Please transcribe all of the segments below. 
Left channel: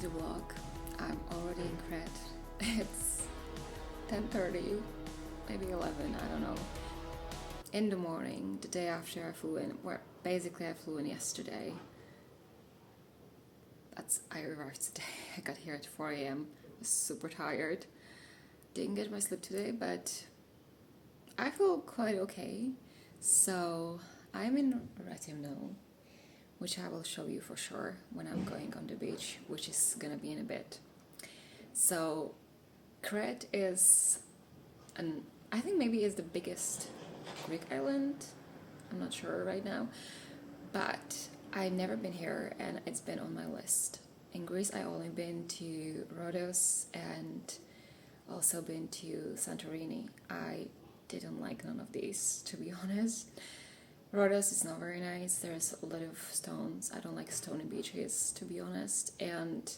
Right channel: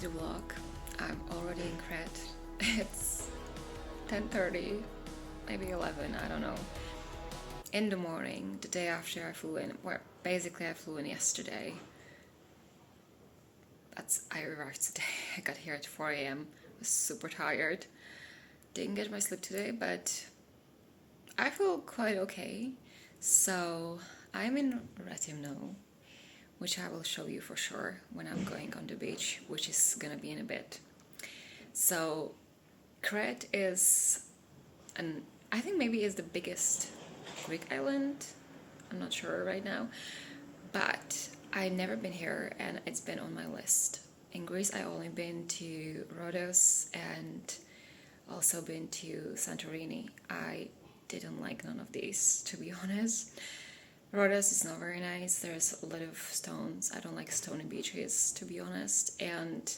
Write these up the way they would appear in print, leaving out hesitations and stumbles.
to the vlog. I'm already in Crete. It's 10:30, maybe 11, I don't know. In the morning, the day after I flew in. Well, basically I flew in yesterday. I arrived today. I got here at 4 a.m. was super tired. Didn't get my sleep today, but I feel quite okay. So I'm in Rethymno, which I will show you for sure when I'm going on the beach, which is gonna be in a bit. So Crete is, I think maybe is the biggest Greek island. I'm not sure right now, but I've never been here and it's been on my list. In Greece, I only been to Rhodos and also been to Santorini. I didn't like none of these, to be honest. Rhodos is not very nice. There's a lot of stones. I don't like stony beaches, to be honest. And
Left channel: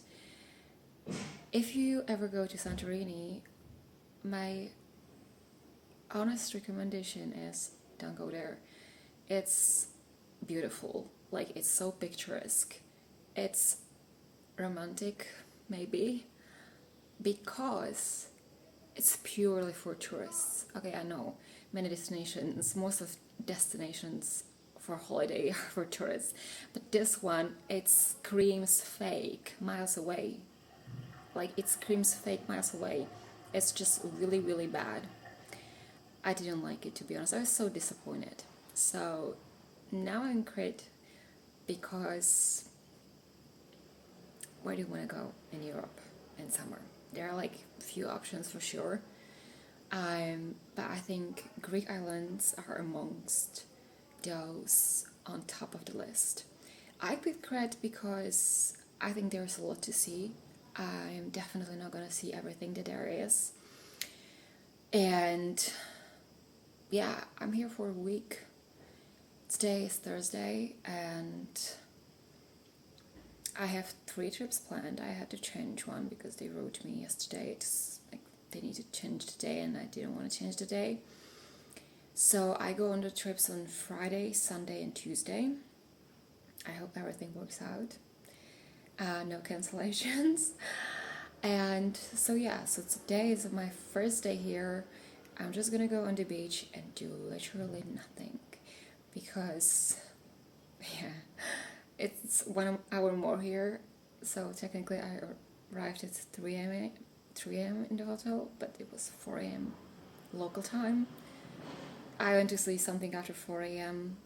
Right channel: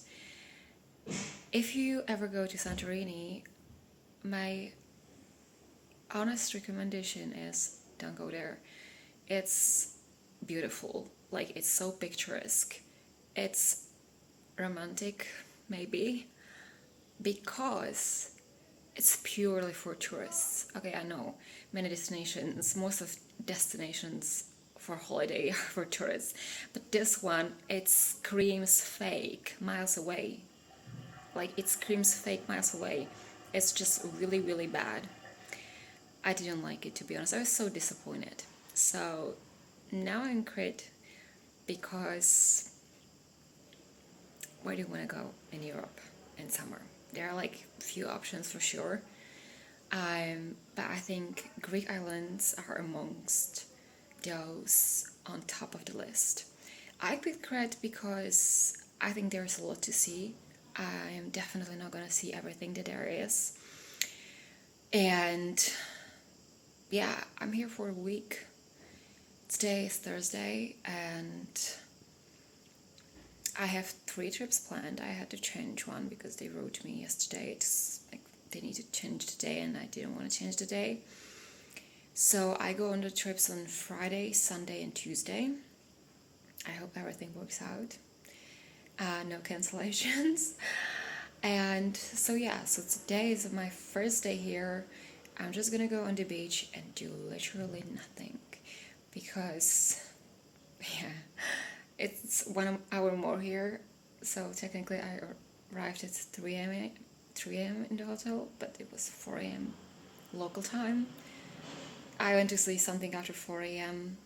if you ever go to Santorini, my honest recommendation is don't go there. It's beautiful. Like, it's so picturesque. It's romantic, maybe, because it's purely for tourists. Okay, I know many destinations, most of destinations for holiday are for tourists, but this one, it screams fake miles away. Like, it screams fake miles away. It's just really, really bad. I didn't like it, to be honest. I was so disappointed. So now I'm in Crete because where do you want to go in Europe in summer? There are like a few options for sure. But I think Greek islands are amongst those on top of the list. I picked Crete because I think there's a lot to see. I am definitely not going to see everything that there is. And yeah, I'm here for a week. Today is Thursday and I have 3 trips planned. I had to change one because they wrote me yesterday. It's like they need to change the day and I didn't want to change the day. So I go on the trips on Friday, Sunday and Tuesday. I hope everything works out. No cancellations. And so yeah, so today is my first day here. I'm just gonna go on the beach and do literally nothing because yeah, it's 1 hour more here. So technically I arrived at 3 a.m. in the hotel, but it was 4 a.m. local time. I went to sleep something after 4 a.m.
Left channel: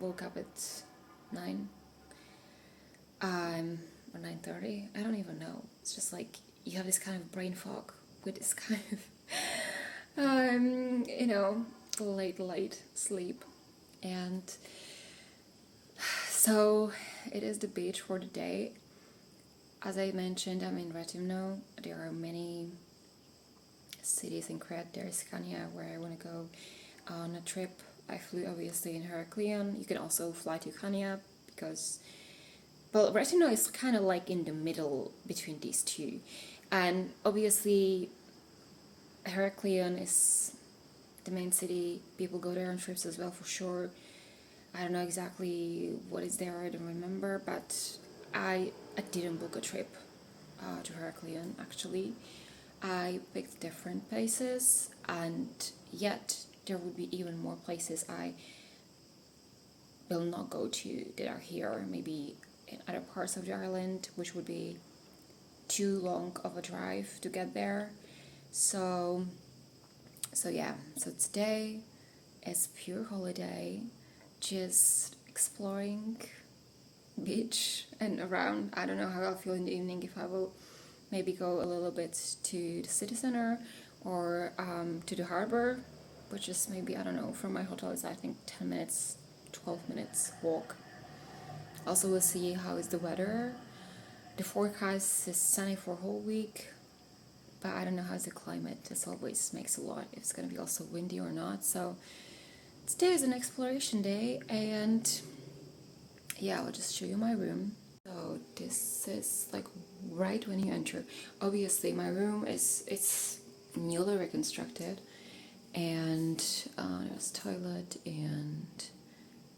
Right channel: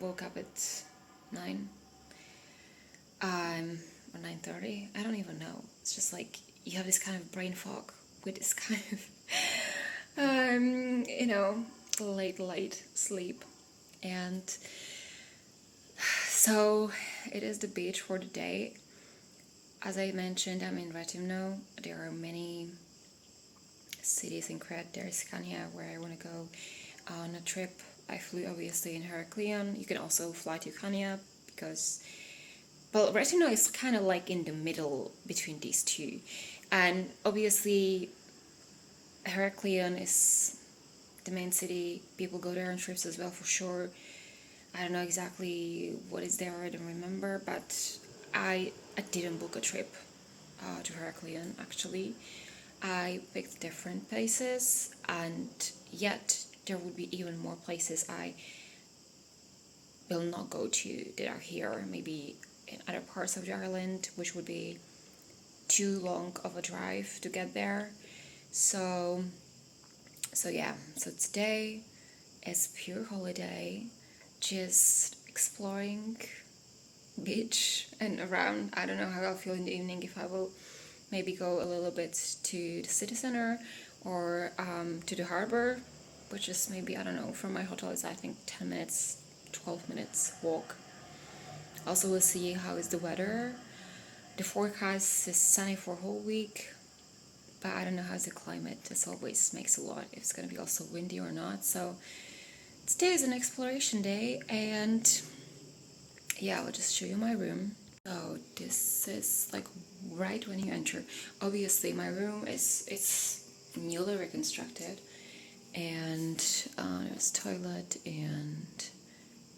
woke up at 9 or 9:30. I don't even know. It's just like you have this kind of brain fog with this kind of late sleep. And so it is the beach for the day. As I mentioned, I'm in Rethymno. There are many cities in Crete. There's Chania, where I want to go on a trip. I flew obviously in Heraklion. You can also fly to Chania because, well, Rethymno is kind of like in the middle between these two. And obviously Heraklion is the main city. People go there on trips as well, for sure. I don't know exactly what is there, I don't remember, but I didn't book a trip to Heraklion, actually. I picked different places, and yet there would be even more places I will not go to that are here, maybe in other parts of the island, which would be too long of a drive to get there. So yeah, so today is pure holiday, just exploring beach and around. I don't know how I'll feel in the evening, if I will maybe go a little bit to the city center or to the harbor, which is maybe, I don't know, from my hotel is I think 10 minutes, 12 minutes walk. Also, we'll see how is the weather. The forecast is sunny for a whole week, but I don't know how's the climate. This always makes a lot if it's going to be also windy or not. So today is an exploration day, and yeah, I'll just show you my room. So this is like right when you enter. Obviously my room it's newly reconstructed, and there's toilet and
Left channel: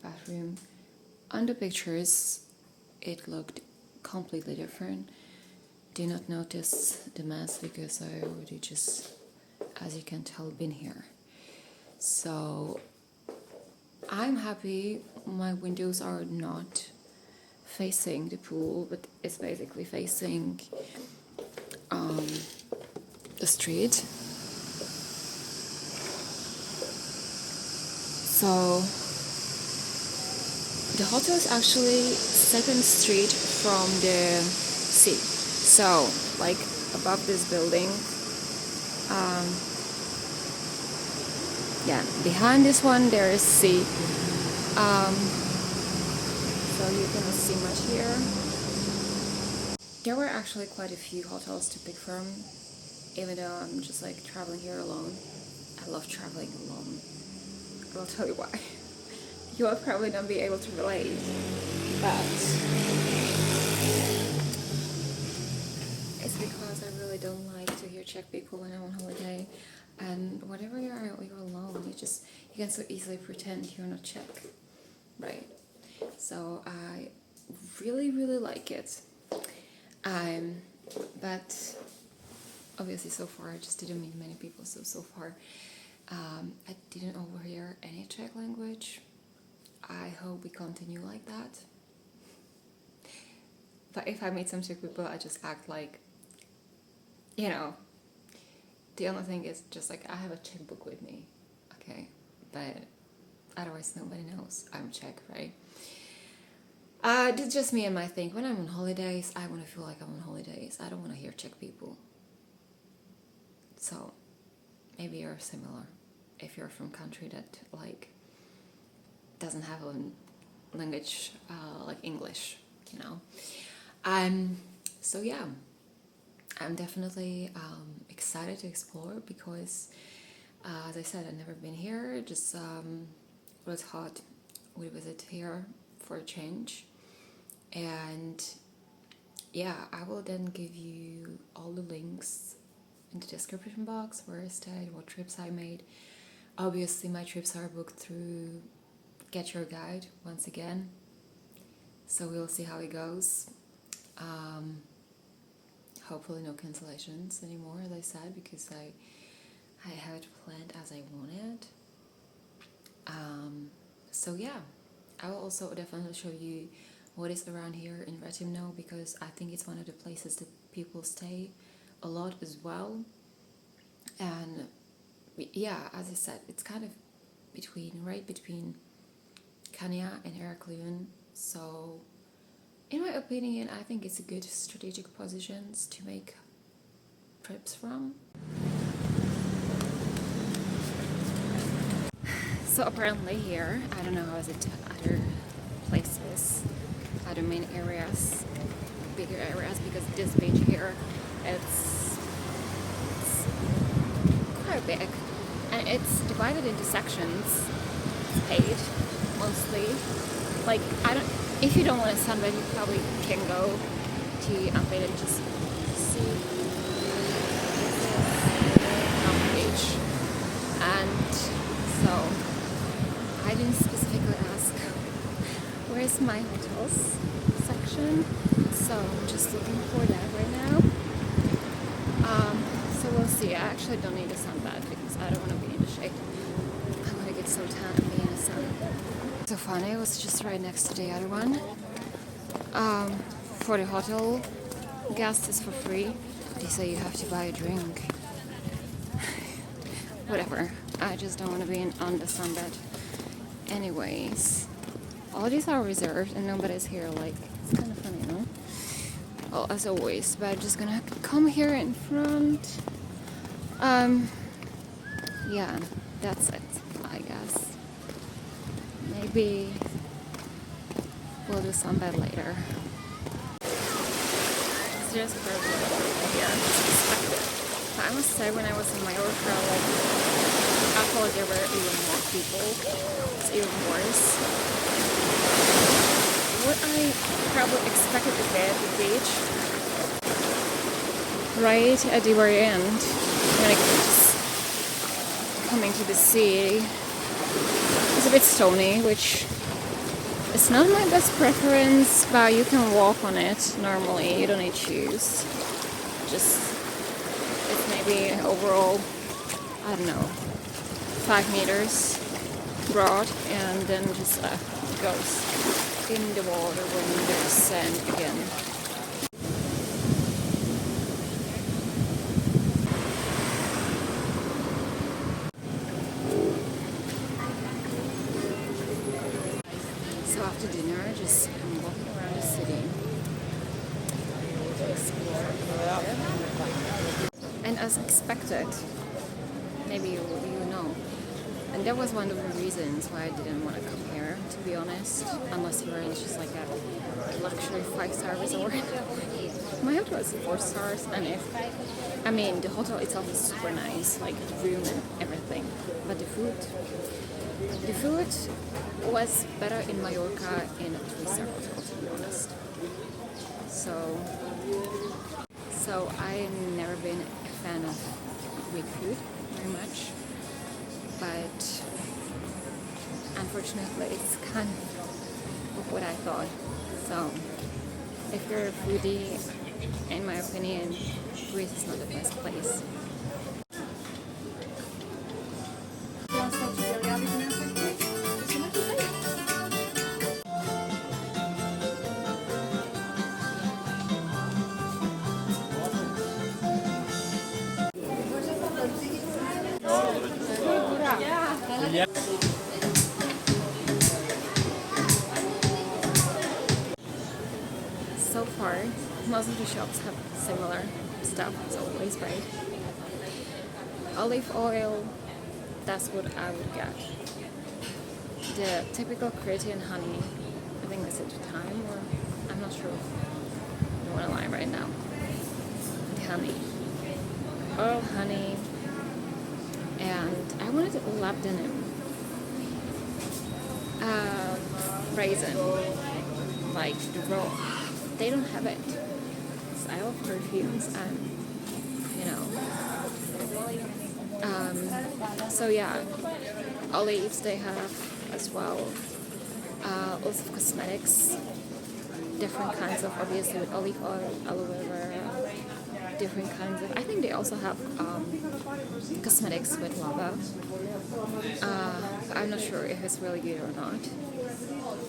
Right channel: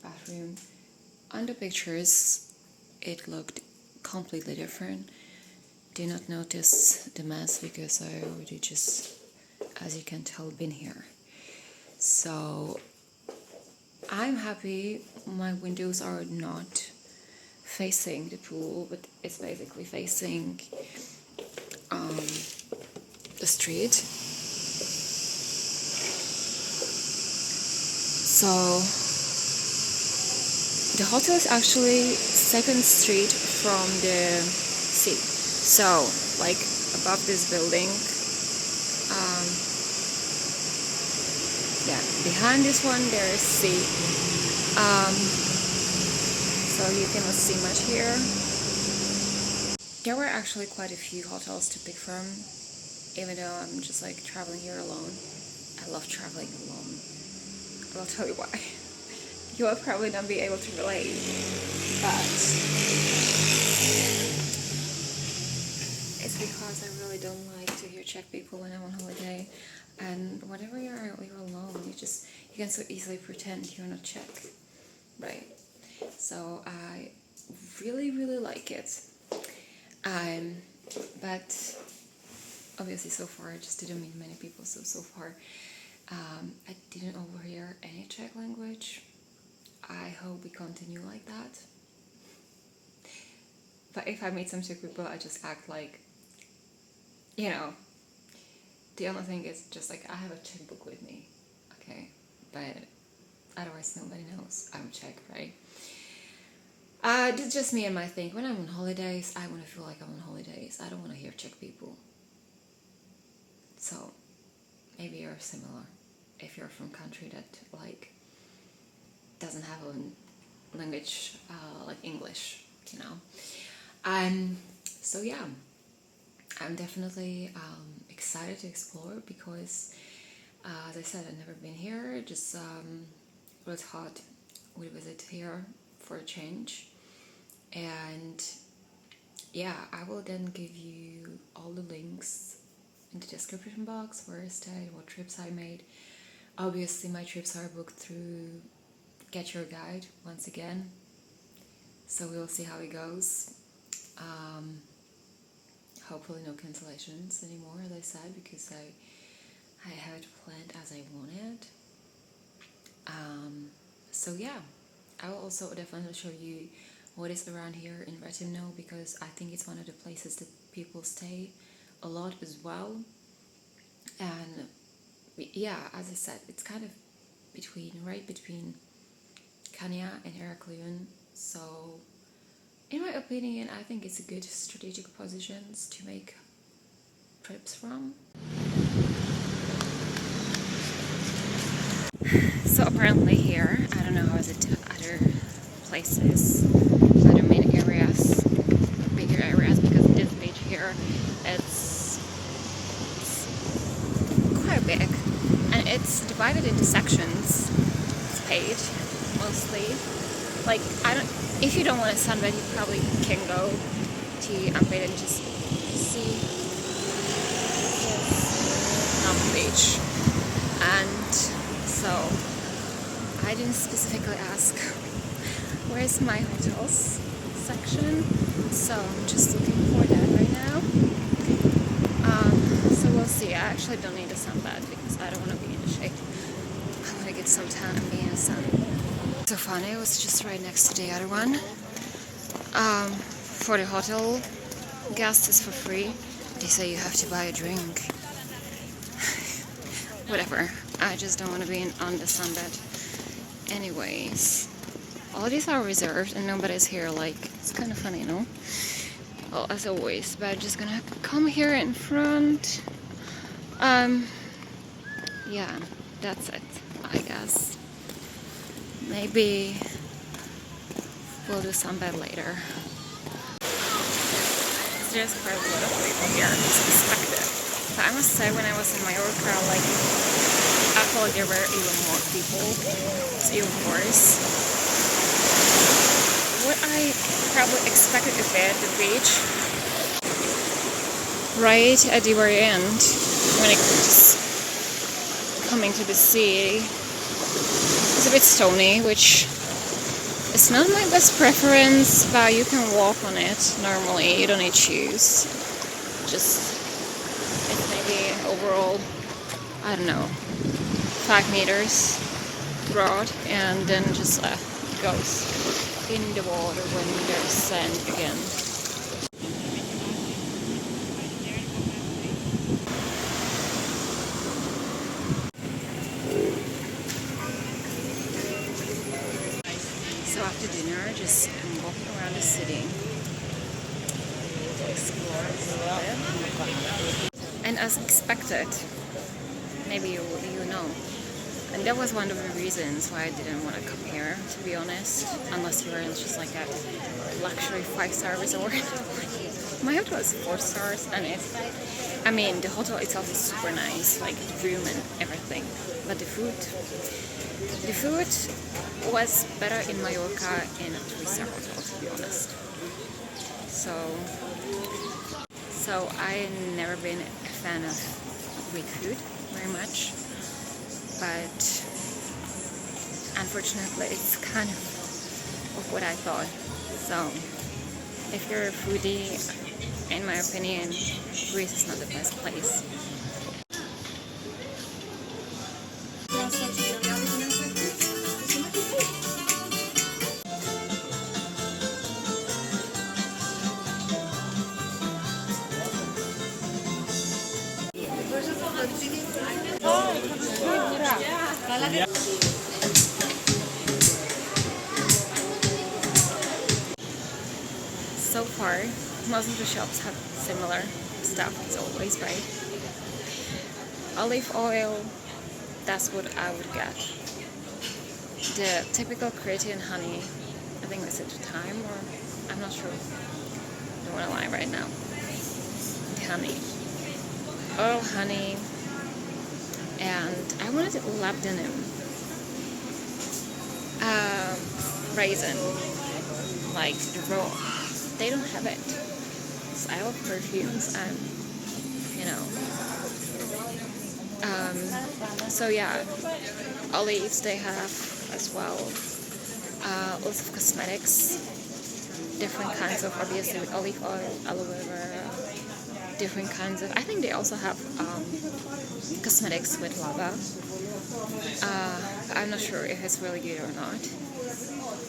bathroom. On the pictures it looked completely different. did not notice the mess because I already just, as you can tell, been here. So I'm happy my windows are not facing the pool, but it's basically facing the street. So the hotel is actually second street from the sea. So like above this building, yeah, behind this one there is sea. So you cannot see much here. There were actually quite a few hotels to pick from, even though I'm just like traveling here alone. I love traveling alone. I'll tell you why. You will probably not be able to relate, but it's because I really don't like to hear Czech people when I'm on holiday. And whenever you're alone, you can so easily pretend you're not Czech, right? So I really like it. But obviously so far I just didn't meet many people, so far I didn't overhear any Czech language. I hope we continue like that. But if I meet some Czech people, I just act like, you know, the only thing is just like I have a Czech book with me, okay? But otherwise nobody knows I'm Czech, right? It's just me and my thing. When I'm on holidays, I want to feel like I'm on holidays. I don't want to hear Czech people. So maybe you're similar if you're from a country that like doesn't have a language like English, you know. So yeah, I'm definitely excited to explore because as I said, I've never been here. Just really thought we'd visit here for a change. And yeah, I will then give you all the links in the description box, where I stayed, what trips I made. Obviously my trips are booked through GetYourGuide once again, so we'll see how it goes. Hopefully no cancellations anymore, as I said, because I have it planned as I wanted. So yeah, I will also definitely show you what is around here in Rethymno, because I think it's one of the places that people stay a lot as well. And yeah, as I said, it's kind of between Chania and Heraklion. So in my opinion, I think it's a good strategic positions to make trips from. So apparently here, I don't know how is it to other places, other main areas, bigger areas, because this beach here, it's quite big, and it's divided into sections. It's paid mostly. Like if you don't want to sunbathe, you probably can go to unpaid and just see on the beach. And so I didn't specifically ask where's my hotels section, so I'm just looking for that right now. So we'll see. I actually don't need a sunbath because I don't want to be in the shade. I want to get some tan and be in the sun. So funny, it was just right next to the other one. For the hotel guests, it's for free. They say you have to buy a drink. Whatever. I just don't want to be on the sunbed. Anyways, all these are reserved and nobody's here. Like, it's kind of funny, no? Well, as always, but I'm just gonna come here in front. Yeah, that's it, I guess. Maybe we'll do sunbed later. There's quite a lot of people here, it's expected. But I must say, when I was in Mallorca, like, I felt like there were even more people. It's even worse. What I probably expected a bit, the beach, right at the very end, when it just coming to the sea, it's a bit stony, which is not my best preference, but you can walk on it normally, you don't need shoes. just, it's maybe overall, I don't know, 5 meters broad, and then just goes in the water when there's sand again. So after dinner, just walking around the city to explore a little bit. And as expected, maybe you know, and that was one of the reasons why I didn't want to come here, to be honest, unless you were in just like a luxury 5-star resort. My hotel is 4 stars, and I mean, the hotel itself is super nice, like the room and everything, but the food was better in Mallorca in a 3-star hotel, to be honest. So I never been a fan of Greek food very much, but unfortunately it's kind of what I thought. So if you're a foodie, in my opinion, Greece is not the best place. So far, most of the shops have similar stuff, as always, right? Olive oil, that's what I would get. The typical Cretan honey, I think this is the time, or I'm not sure. Don't want to lie right now. The honey. Oil, honey, and I wanted labdanum. Raisin, like the raw. They don't have it. So I love perfumes, and so yeah, olives they have as well. Lots of cosmetics, different kinds of, obviously with olive oil, aloe vera, different kinds of. I think they also have cosmetics with lava. I'm not sure if it's really good or not.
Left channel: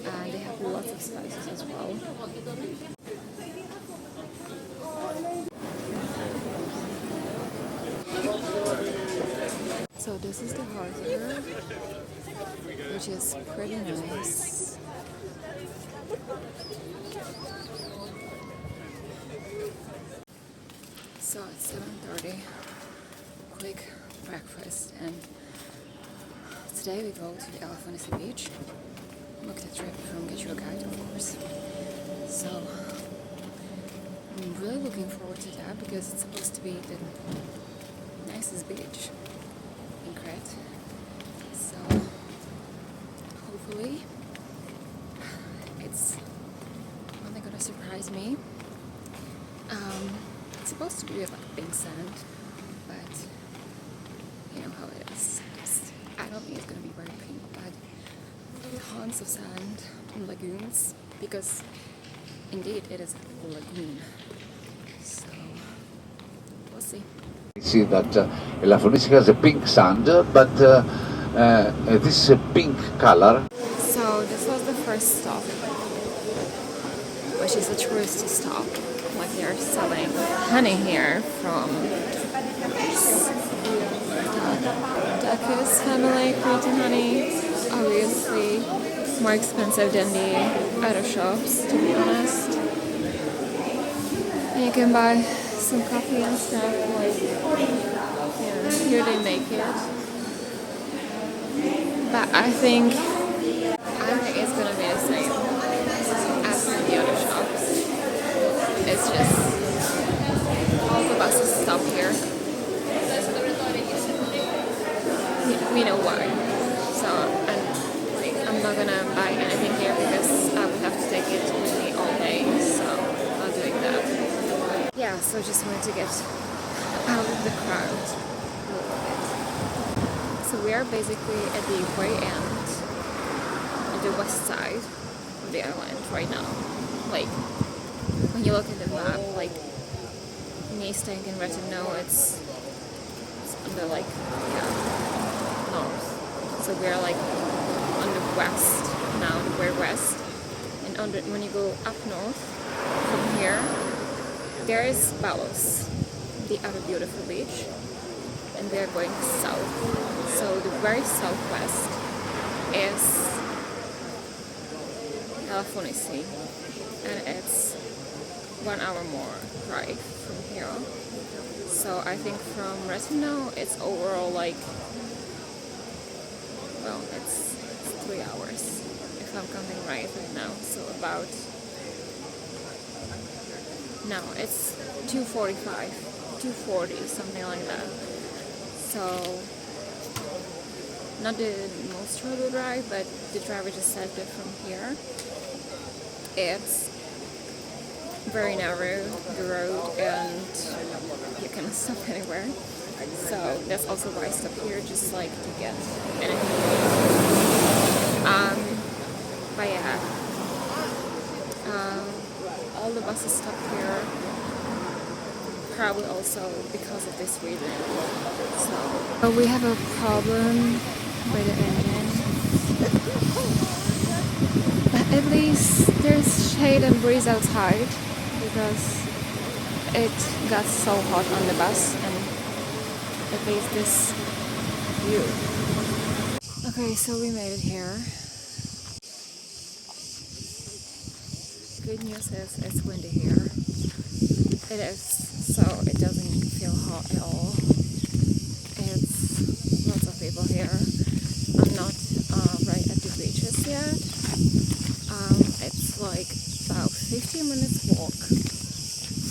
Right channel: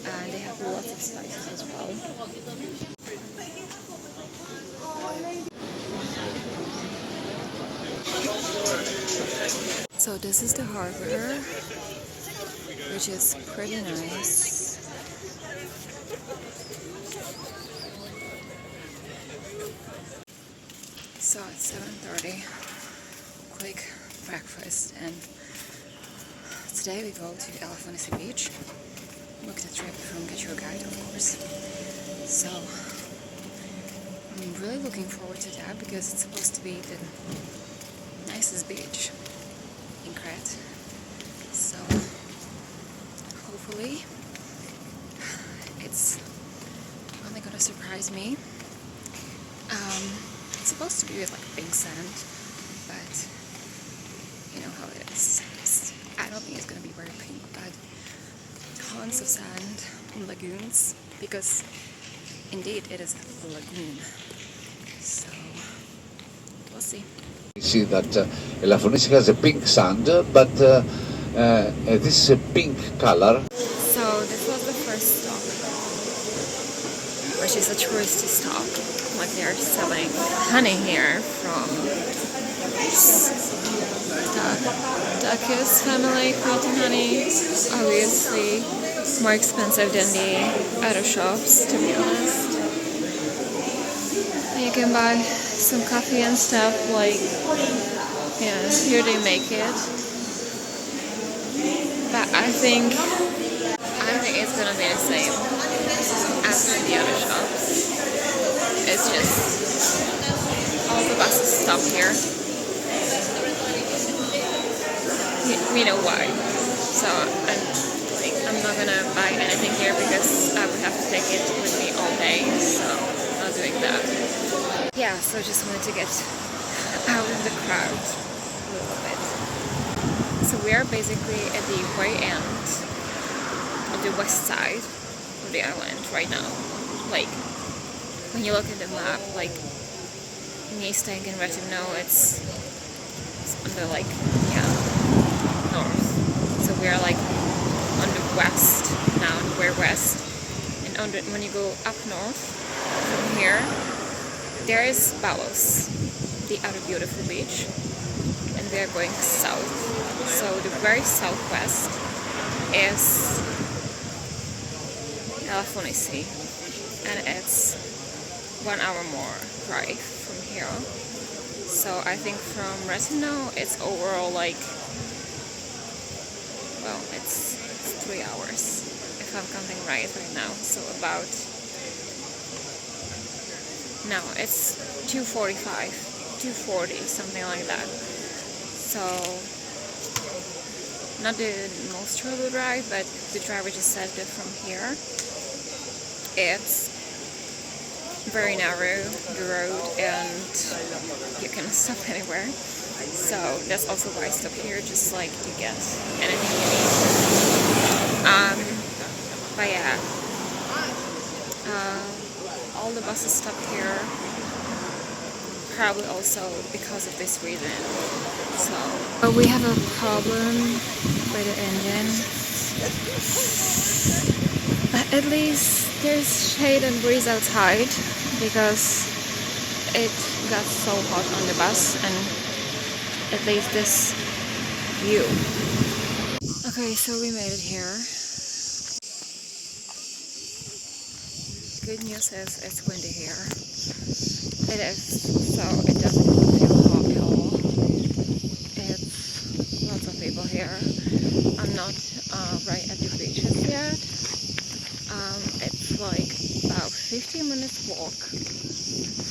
And they have lots of spices as well. So this is the harbor, which is pretty nice. So it's 7:30, quick breakfast, and today we go to Elafonisi beach. Book the trip from GetYourGuide, of course. So I'm really looking forward to that because it's supposed to be the nicest beach in Crete. So hopefully it's only gonna surprise me. It's supposed to be with like pink sand, but you know how it is. I don't think it's gonna be very pink, but tons of sand and lagoons, because indeed it is a lagoon. So we'll see. You see that Elafonisi has a pink sand, but this is a pink color. So this was the first stop, which is a touristy stop. Like they're selling honey here from Dakis family, Cretan honey. Obviously more expensive than the other shops, to be honest. You can buy some coffee and stuff, like, yeah, here they make it. But I think it's gonna be the same as in the other shops. It's just all the buses stop here. We know why. So I'm not gonna buy anything here because I would have to take it with me all day. So I'm not doing that. Yeah, so just wanted to get out of the crowd a little bit. So we are basically at the very end of the west side of the island right now. Like, when you look at the map, like me staying in Rethymno, it's on the like, yeah, north. So we are like on the west now, the very west. And on the, when you go up north from here, there is Balos, the other beautiful beach. And we are going south. So the very southwest is Elafonisi, and it's 1 hour more drive from here. So I think from Rethymno it's overall like, well, it's 3 hours if I'm counting right now. So about, no, it's 2:45, 2:40, something like that. So not the most terrible drive, but the drive we just said that from here, it's very narrow, the road, and you can stop anywhere. So that's also why I stop here, just like to get anything you need. But yeah, all the buses stop here, probably also because of this reason. So we have a problem with the engine, but at least there's shade and breeze outside, because it got so hot on the bus, and at least this view. Okay, so we made it here. Good news is it's windy here. It is, so it doesn't feel hot at all. It's lots of people here. I'm not right at the beaches yet. It's like about 15 minutes walk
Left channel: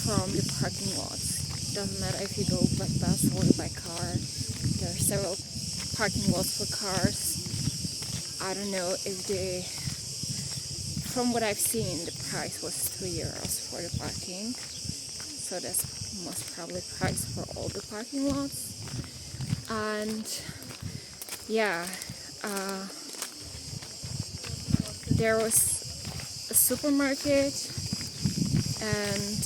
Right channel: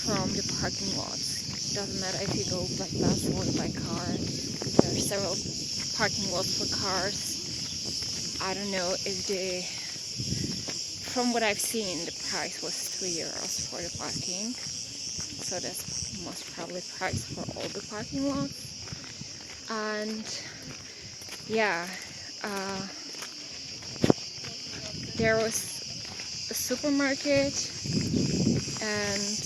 from the parking lots. Doesn't matter if you go by bus or by car. There are several parking lots for cars. I don't know if from what I've seen, the price was €3 for the parking. So that's most probably price for all the parking lots. And yeah, there was a supermarket and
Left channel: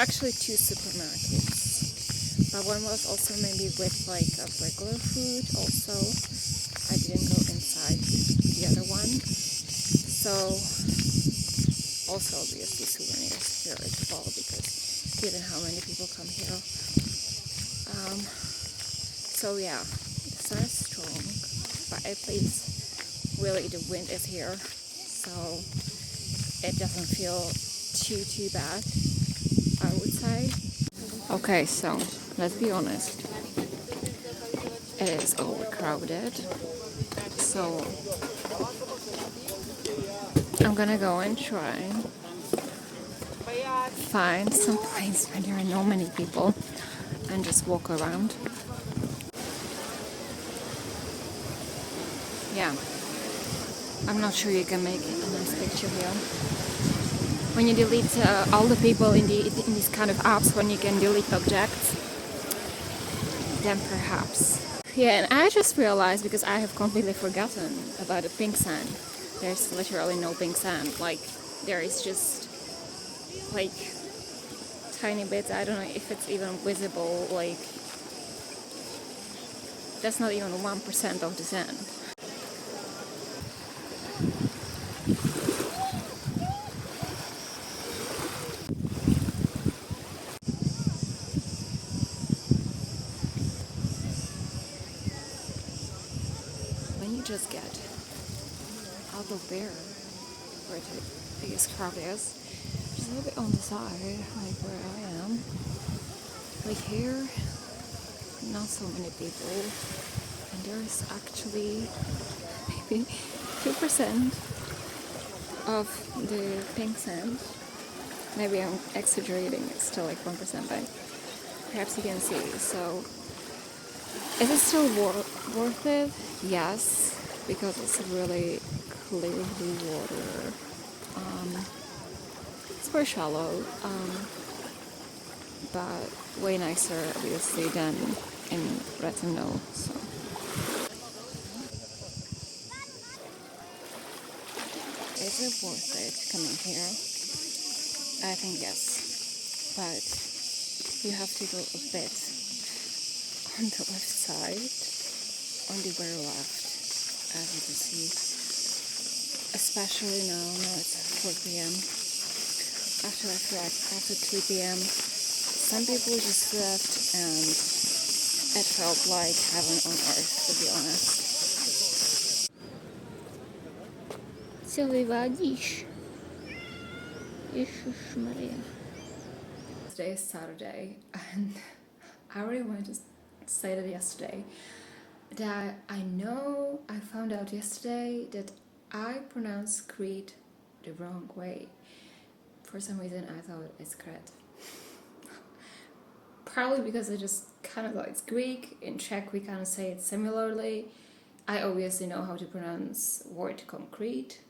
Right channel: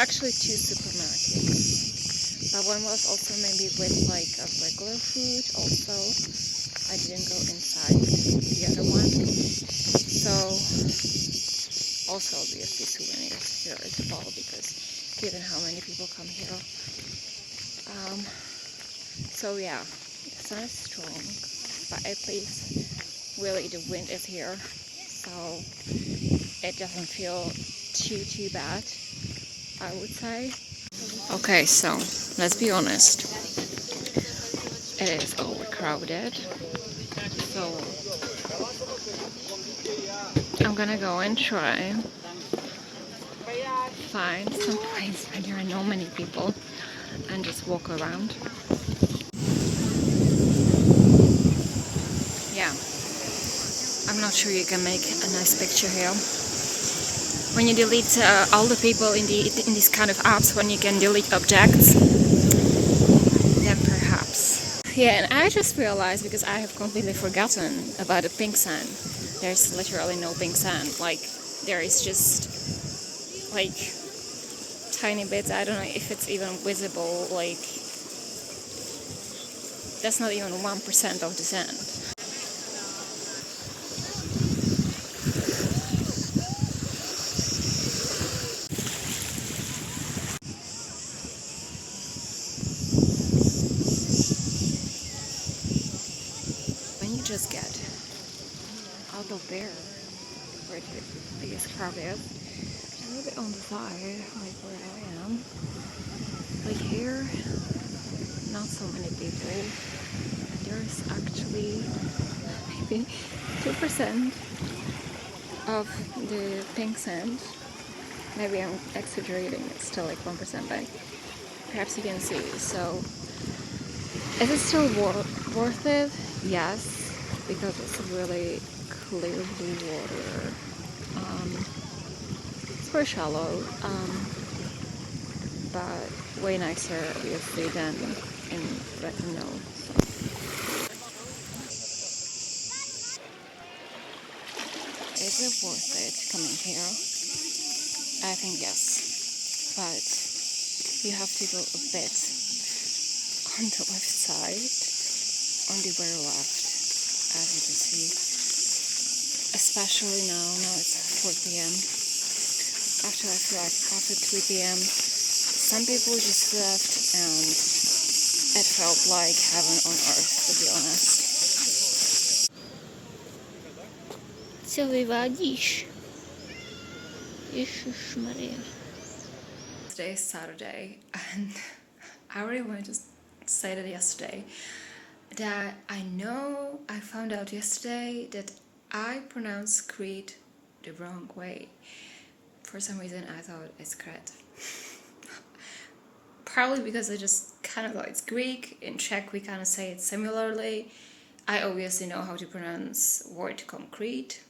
actually 2 supermarkets, but one was also maybe with like a regular food also. I didn't go inside the other one. So also obviously souvenirs here as well, because given how many people come here. So yeah, the sun is strong, but at least really the wind is here, so it doesn't feel too bad, I would say. Okay, so let's be honest, it is overcrowded, so I'm gonna go and try find some place where there are not many people and just walk around. Yeah, I'm not sure you can make a nice picture here. When you delete all the people in these kind of apps, when you can delete objects, then perhaps. Yeah, and I just realized, because I have completely forgotten about the pink sand. There's literally no pink sand. Like, there is just like tiny bits. I don't know if it's even visible. Like, that's not even 1% of the sand. When you just get out of there, where the biggest crowd is, a little bit on the side, like where I am. Like here, not so many people, and there's actually maybe 2% of the pink sand. Maybe I'm exaggerating, it's still like 1%, but perhaps you can see. So is it still worth it? Yes, because it's really clear blue water. It's very shallow, but way nicer obviously than in Rethymno. So is it worth it coming here? I think yes, but you have to go a bit on the left side, on the very left, as you can see. Especially now it's 4 p.m. After I feel like after 3 p.m. some people just left and it felt like heaven on earth, to be honest. Co wywalisz? Jezus Maria. Today is Saturday and I already wanted to say that yesterday that I found out yesterday that I pronounced Crete the wrong way. For some reason I thought it's Crete. Probably because I just kind of thought it's Greek. In Czech we kind of say it similarly. I obviously know how to pronounce word concrete.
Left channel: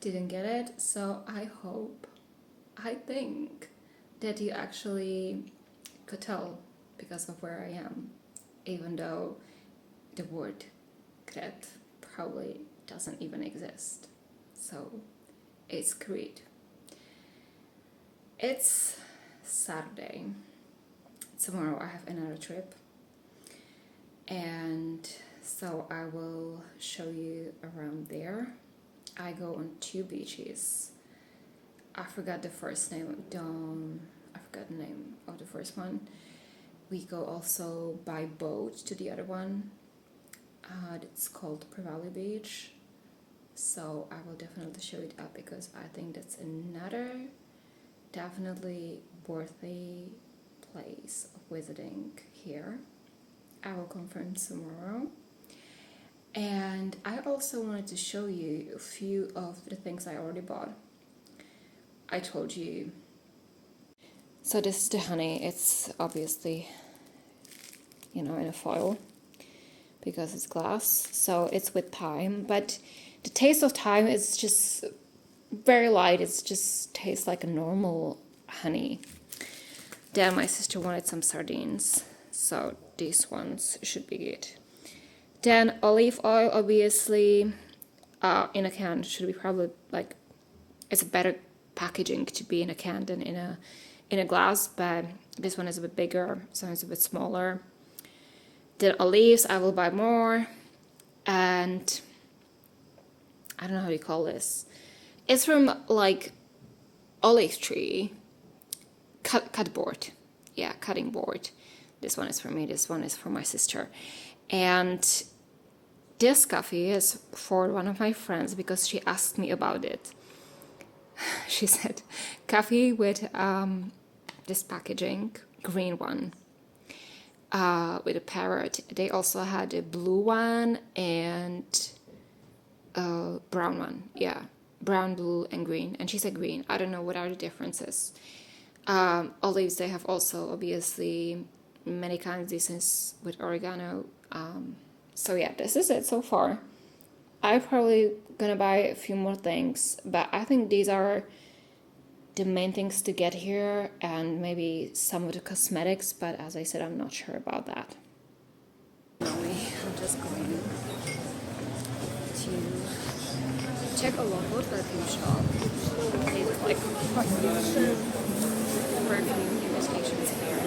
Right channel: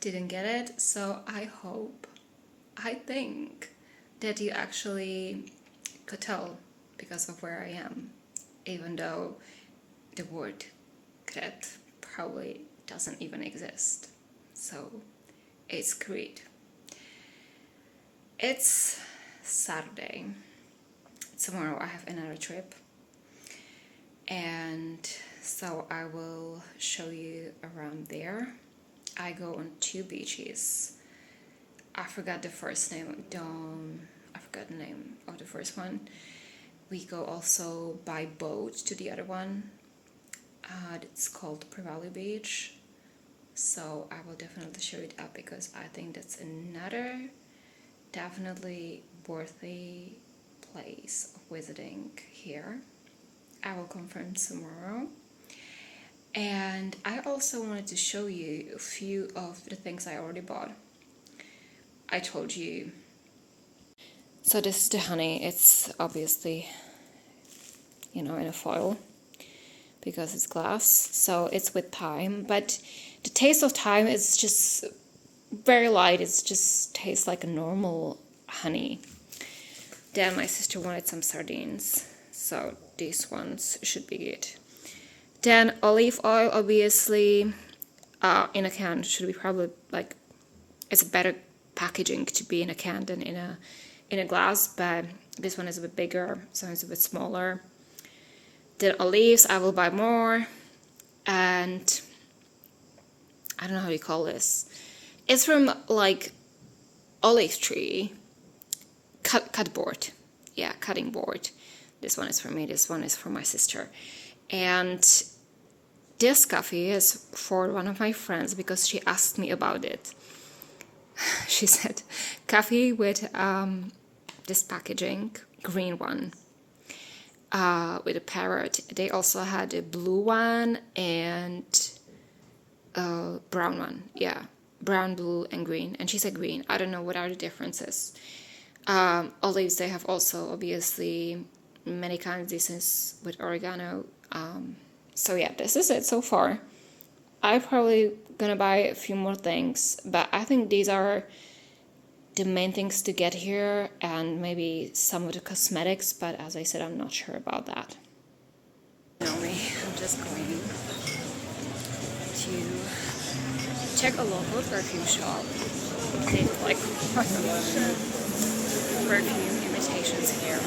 Didn't get it, so I think that you actually could tell because of where I am, even though the word Crete probably doesn't even exist. So it's Crete. It's Saturday. Tomorrow I have another trip, and so I will show you around there. I go on 2 beaches. I forgot the first name. I forgot the name of the first one. We go also by boat to the other one. It's called Preveli Beach. So I will definitely show it up because I think that's another definitely worthy place of visiting here. I will confirm tomorrow. And I also wanted to show you a few of the things I already bought. I told you. So this is the honey. It's obviously, in a foil because it's glass. So it's with thyme. But the taste of thyme is just very light. It just tastes like a normal honey. Then my sister wanted some sardines. So these ones should be good. Then olive oil, obviously, in a can should be probably it's a better packaging to be in a can than in a glass, but this one is a bit bigger, so it's a bit smaller. Then olives, I will buy more, and I don't know how you call this. It's from olive tree, cut board, yeah, cutting board. This one is for me. This one is for my sister. And this coffee is for one of my friends because she asked me about it. She said, coffee with this packaging, green one, with a parrot. They also had a blue one and a brown one. Yeah, brown, blue, and green. And she said green. I don't know what are the differences. Olives, they have also, obviously, many kinds. This is with oregano. So yeah, this is it so far. I'm probably gonna buy a few more things, but I think these are the main things to get here, and maybe some of the cosmetics, but as I said, I'm not sure about that. I'm just going to check a local perfume shop. They do perfume imitations here.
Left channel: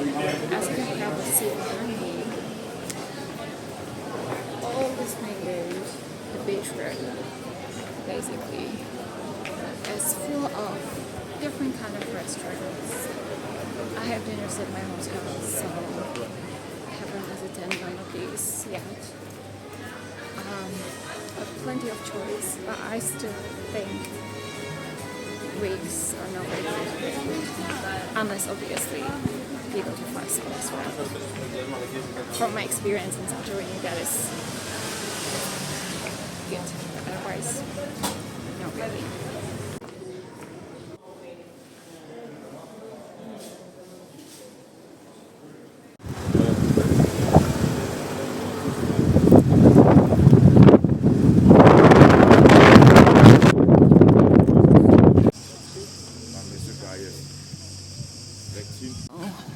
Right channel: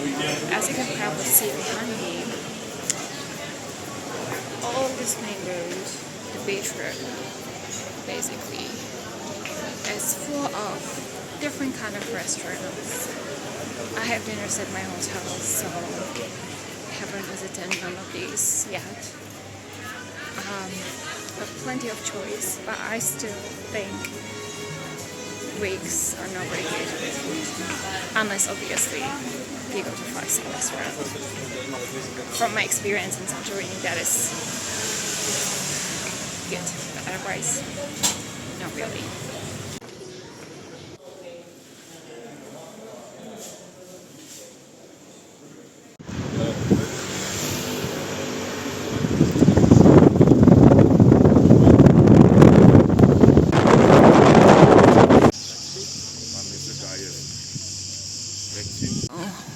And as you can probably see behind me, all these mangoes, the beach road, basically, is full of different kind of restaurants. I have dinners at my hotel, so I haven't visited none of these yet. But plenty of choice, but I still think Greeks are not very good with food, unless obviously you go to a 5-star restaurant. From my experience in Santorini, that is good, but otherwise, not really.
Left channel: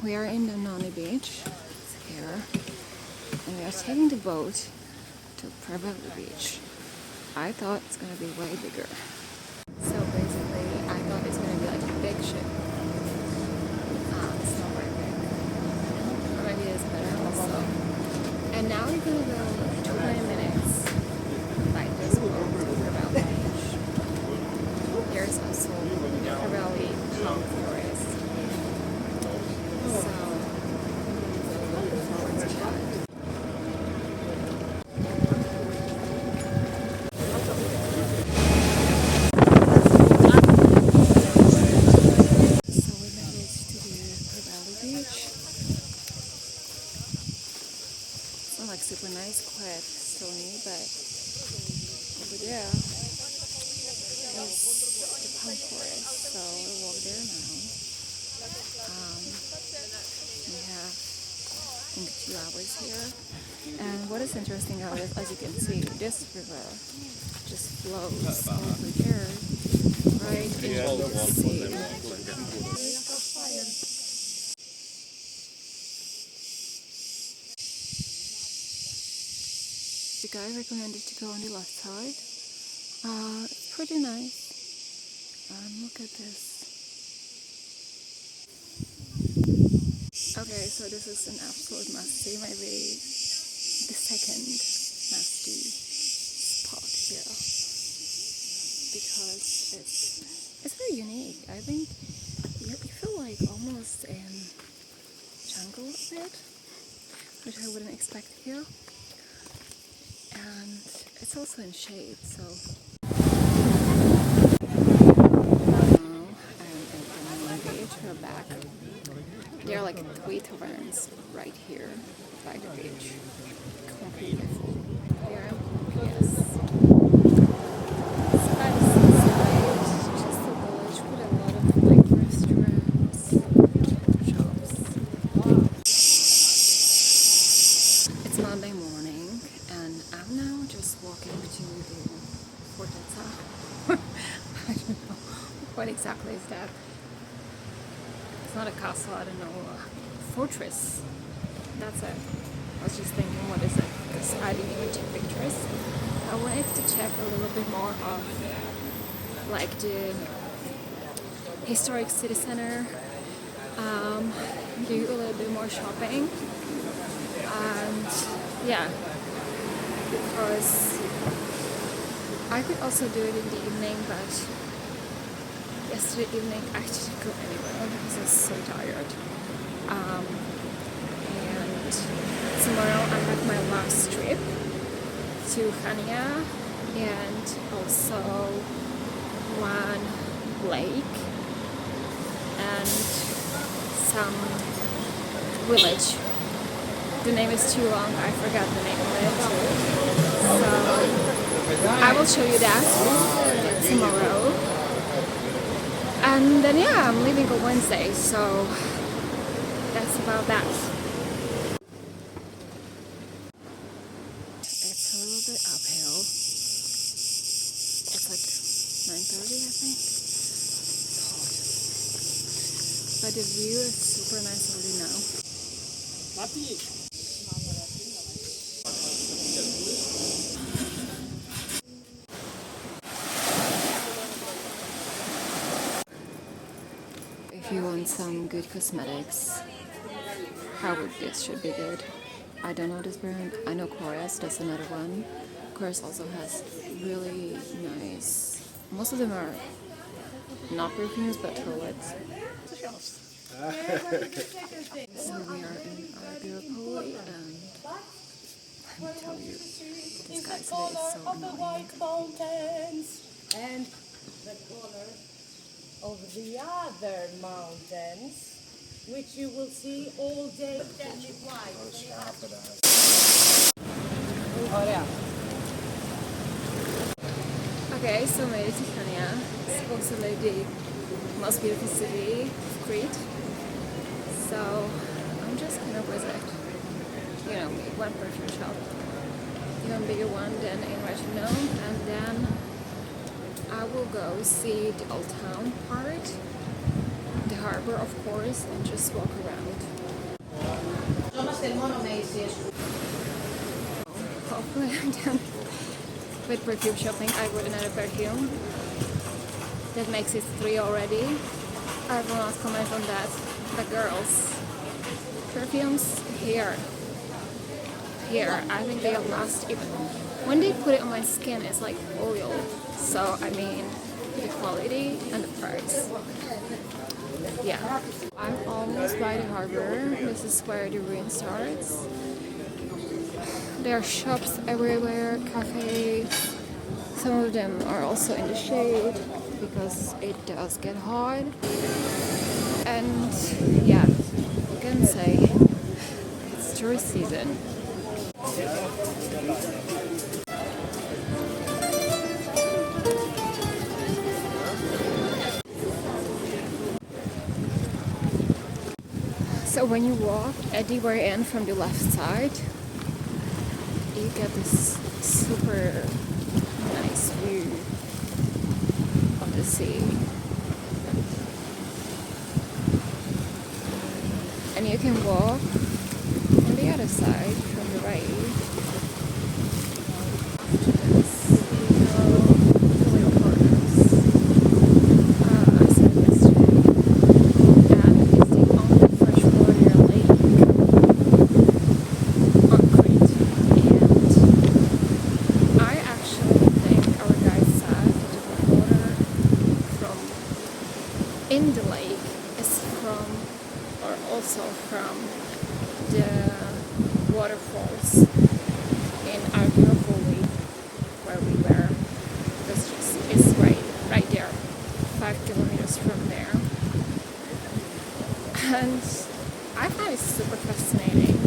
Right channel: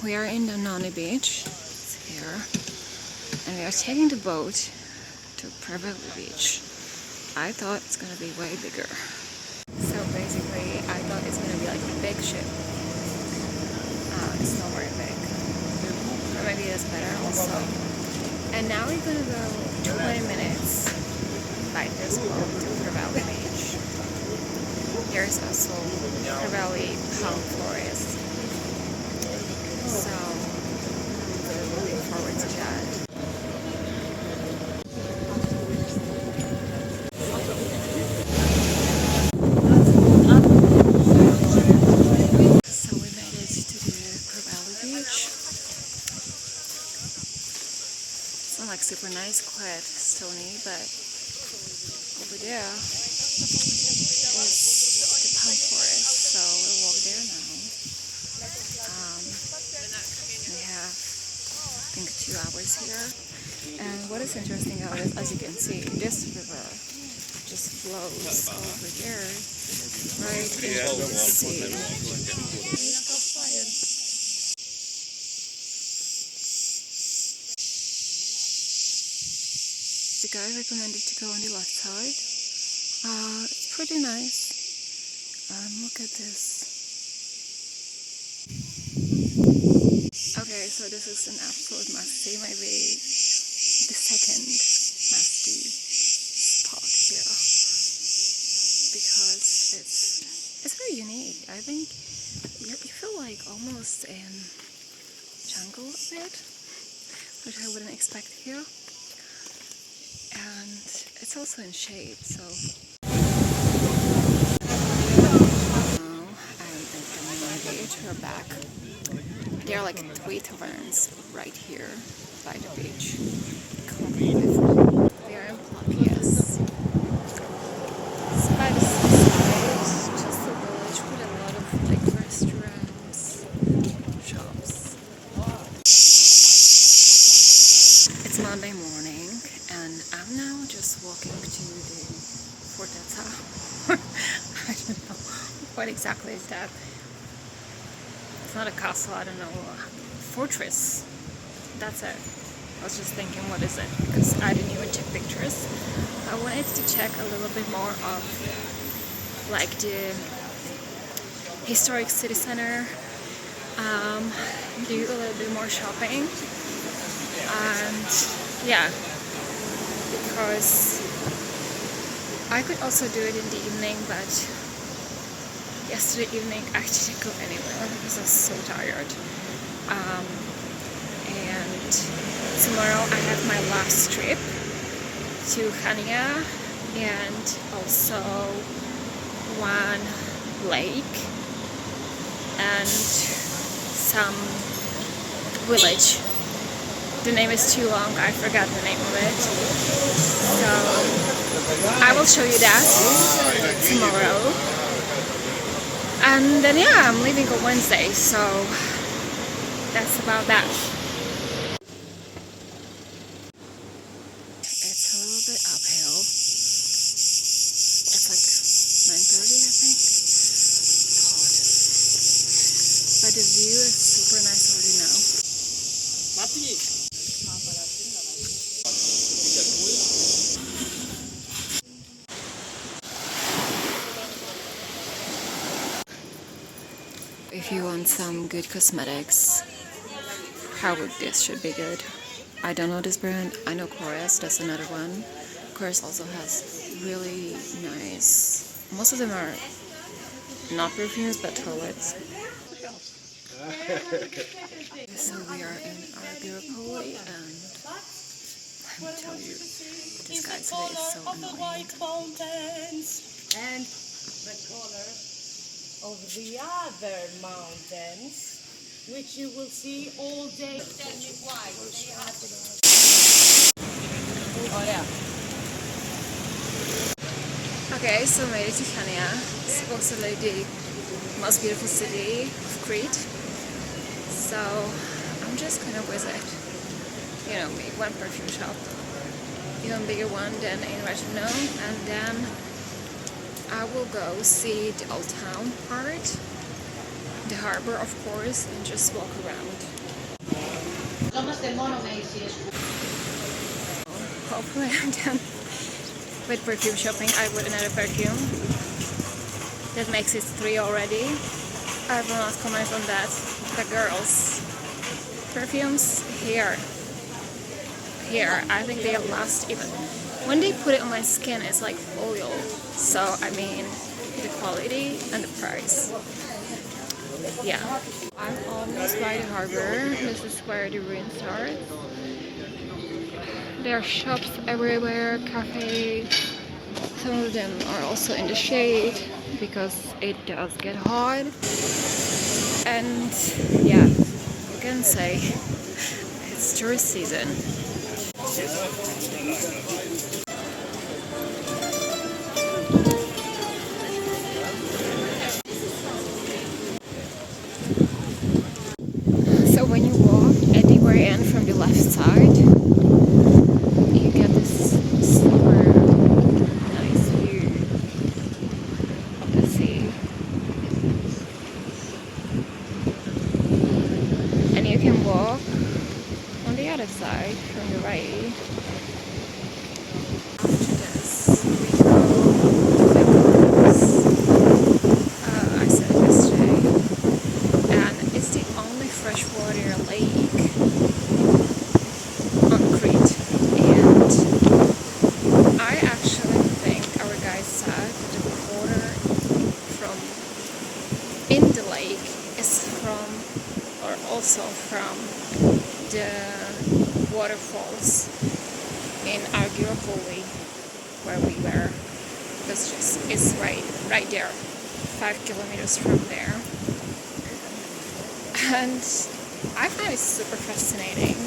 We are in the Nani beach, it's here, and we are taking the boat to Preveli beach. I thought it's gonna be way bigger. ship. It's not very big. Or maybe it's better also. And now we're gonna go 20 minutes by this boat to Preveli Beach. There's also Preveli Palm forest. So I'm really looking forward to that. So we made it to the Preveli Beach. It's not like super nice, quite stony, but over there is the palm forest. So we'll walk there now. We have, I think, 2 hours here. And what is interesting about it, as you can see, this river just flows over there, right into the sea. The guy recommended to go on the left side. It's pretty nice. Look at this. Okay, so this is an absolute must-see, maybe the second must-see spot here, because it's very unique. I think you feel like almost in jungle a bit, which I wouldn't expect here. And it's also in shade, so now I'm in Preveli Beach. We're back. There are like 3 taverns right here by the beach. Completely full. They are in Plapies. It's by the seaside. It's just a village with a lot of like restaurants, shops. It's Monday morning and I'm now just walking to the fortezza. I don't know what exactly is that. It's not a castle, I don't know, a fortress. That's it. I was just thinking, what is it? Because I didn't even check pictures. I wanted to check a little bit more of like the historic city center, do a little bit more shopping, and yeah, because I could also do it in the evening, but yesterday evening I didn't go anywhere because I was so tired. And tomorrow I have my last trip to Chania and also one lake and some village. The name is too long, I forgot the name of it. So I will show you that tomorrow. And then yeah, I'm leaving on Wednesday, so that's about that. It's a little bit uphill. It's like 9:30, I think. It's hot. But the view is super nice already now. If you want some good cosmetics, this should be good. I don't know this brand. I know Chorus, that's another one. Chorus also has really nice, most of them are not perfumes but toilets. So we are in arirport and let me tell you, this guy today is so annoying. And the color of the other mountains, which you will see all day. Okay, so made it to Chania, supposedly the most beautiful city of Crete. So I'm just gonna visit, you know me, one perfume shop, even bigger one than in Rethymno, and then I will go see the old town part, the harbor of course, and just walk around. Hopefully I'm done with perfume shopping. I bought another perfume. That makes it 3 already. I will not comment on that. The girls' perfumes here, I think they last even. When they put it on my skin, it's like oil. So, I mean, the quality and the price. Yeah. I'm almost by the harbor. This is where the rain starts. There are shops everywhere, cafes. Some of them are also in the shade because it does get hot. And yeah, you can say it's tourist season. So when you walk at the very end from the left side, you get this super nice view of the sea. And you can walk on the other side from the right. After this, we go to Lake Corners. I said it yesterday. And it's the only freshwater lake on Crete. And I actually think our guide said that the water from in the lake is from, or also from, the waterfalls in Argyropoli where we were. Because it's right there, 5 kilometers from there. And I find it super fascinating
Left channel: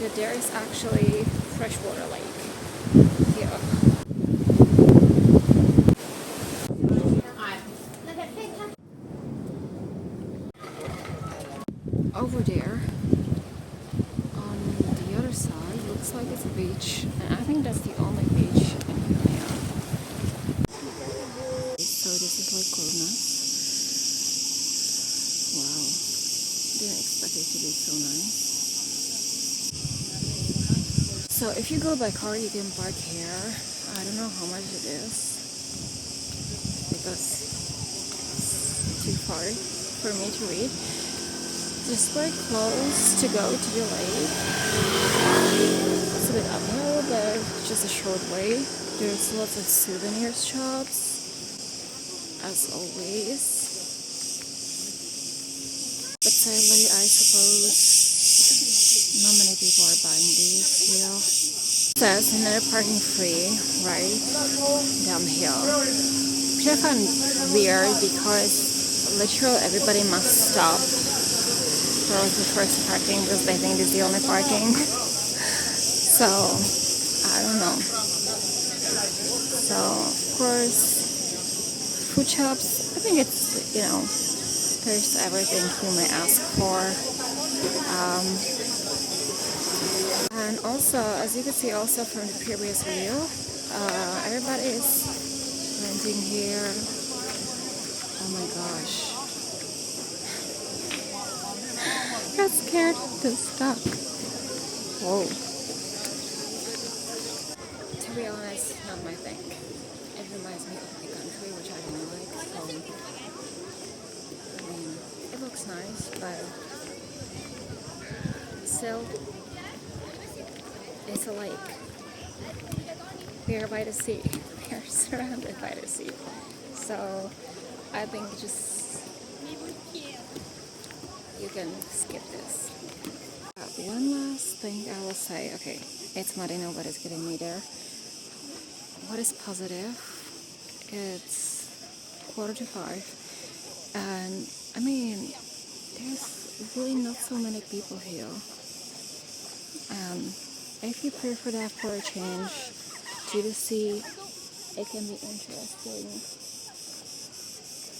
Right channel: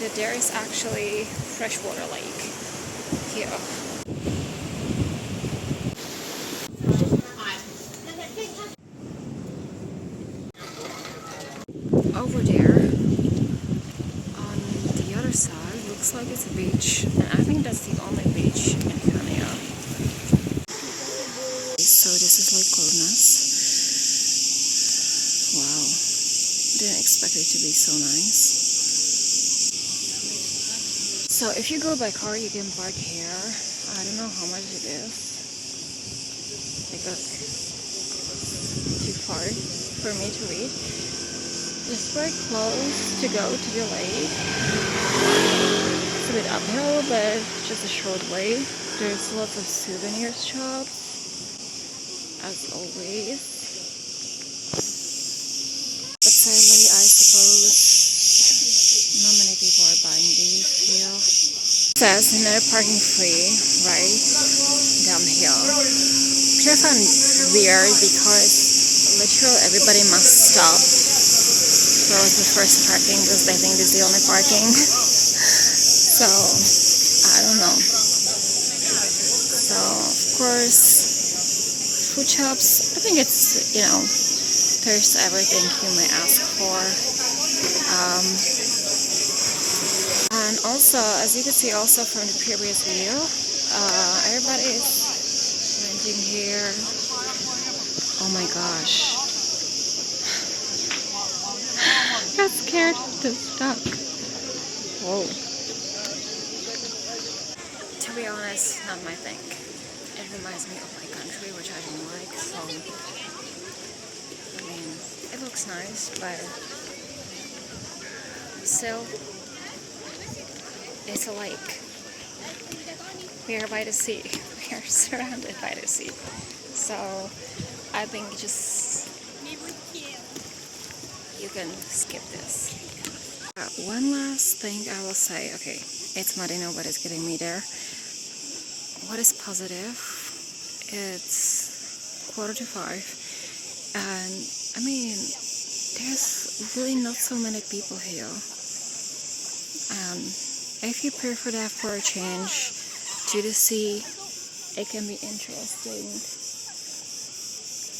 that there is actually freshwater lake here. Over there, on the other side, looks like it's a beach, and I think that's the only beach in Chania. So this is Lake Corners. Wow, didn't expect it to be so nice. So if you go by car, you can park here. I don't know how much it is because it's too far for me to reach. Just very close to go to the lake. It's a bit uphill, but just a short way. There's lots of souvenir shops, as always. But sadly, I suppose not many people are buying these here. It says no parking free, right down here. Which I found weird because literally everybody must stop for the first parking because they think this is the only parking. So, I don't know. So, of course, food shops, I think it's, there's everything you may ask for. And also, as you can see also from the previous video, everybody is renting here. Oh my gosh. Got scared of the stuck. Whoa. To be honest, not my thing. It reminds me of my country, which I don't like, so I mean, it looks nice, but still, it's a lake. We are by the sea. We are surrounded by the sea. So I think you can skip this. One last thing I will say. Okay, it's muddy now, but it's getting me there. What is positive? It's 4:45, and I mean, there's really not so many people here. And if you prefer that for a change to the sea, it can be interesting.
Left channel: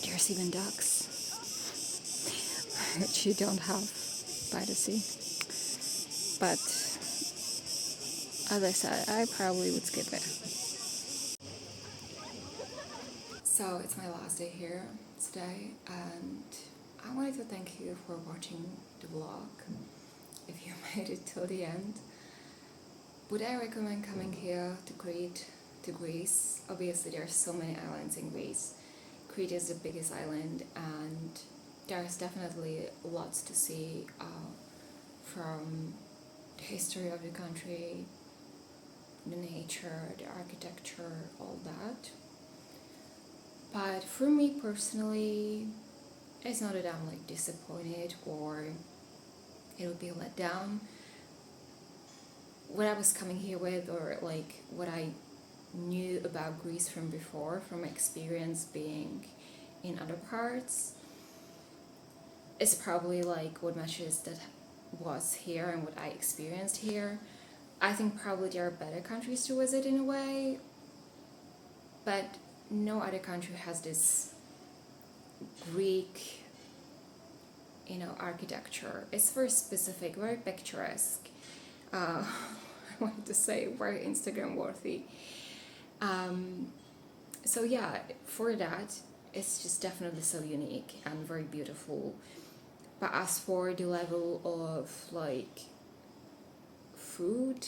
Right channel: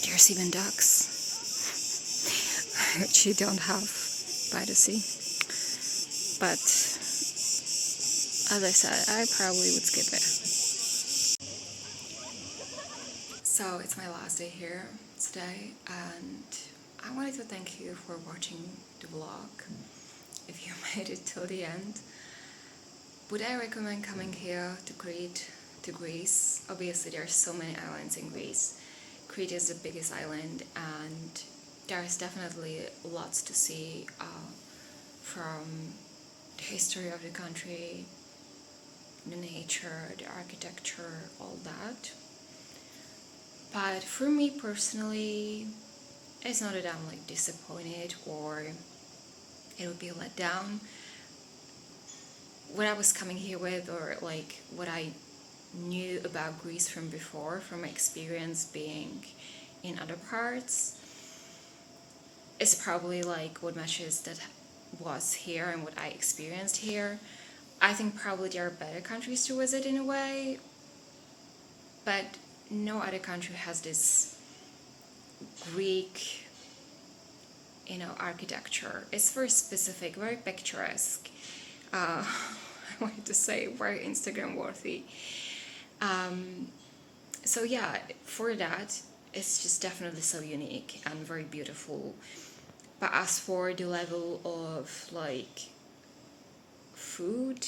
There's even ducks, which you don't have by the sea. But as I said, I probably would skip it. So it's my last day here today, and I wanted to thank you for watching the vlog. If you made it till the end, would I recommend coming here to Crete, to Greece? Obviously there are so many islands in Greece, Crete is the biggest island, and there's definitely lots to see from the history of the country, the nature, the architecture, all that. But for me personally, it's not that I'm like disappointed or it would be a letdown. What I was coming here with, or like what I knew about Greece from before, from my experience being in other parts, is probably like what matches that was here and what I experienced here. I think probably there are better countries to visit in a way, but no other country has this Greek, architecture. It's very specific, very picturesque. I wanted to say very Instagram worthy. So yeah, for that, it's just definitely so unique and very beautiful. But as for the level of like food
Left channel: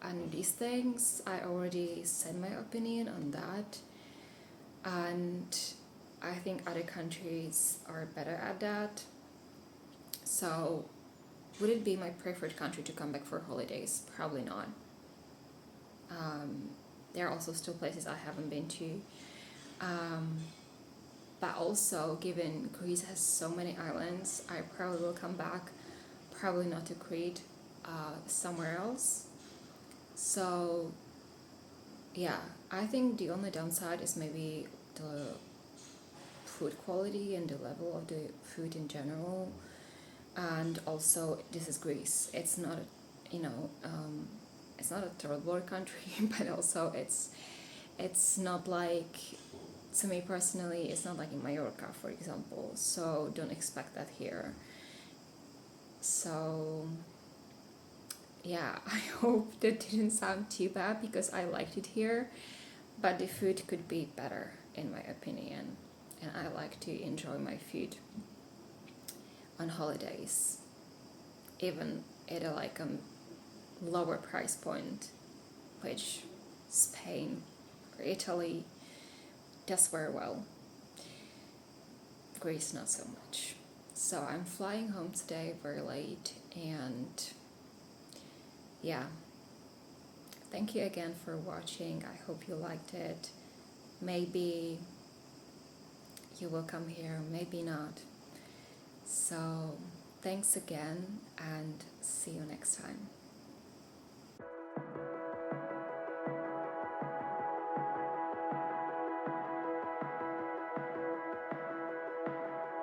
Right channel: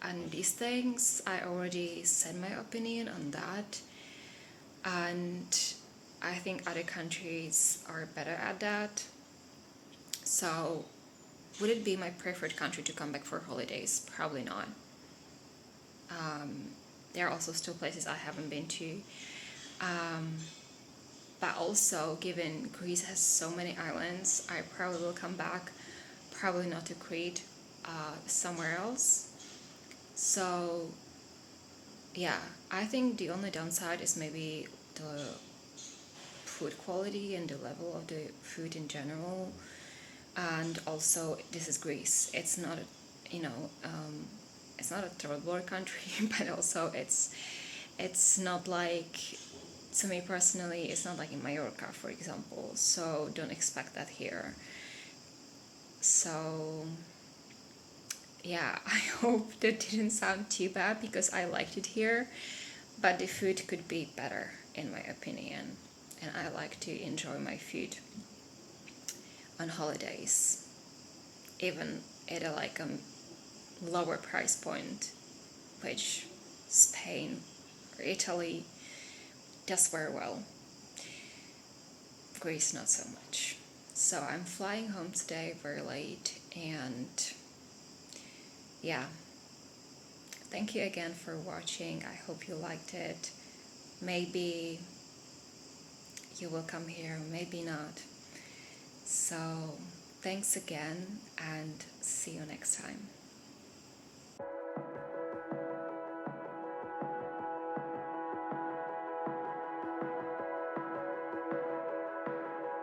and these things, I already said my opinion on that. And I think other countries are better at that. So would it be my preferred country to come back for holidays? Probably not. There are also still places I haven't been to. But also, given Greece has so many islands, I probably will come back, probably not to Crete, somewhere else. So, yeah, I think the only downside is maybe the food quality and the level of the food in general. And also, this is Greece. It's not, it's not a third world country, but also it's not like, to me personally, it's not like in Mallorca, for example. So don't expect that here. So yeah, I hope that didn't sound too bad because I liked it here, but the food could be better in my opinion, and I like to enjoy my food on holidays, even at a lower price point, which Spain or Italy does very well. Greece not so much. So I'm flying home today very late, and yeah, thank you again for watching. I hope you liked it. Maybe you will come here, maybe not. So thanks again, and see you next time.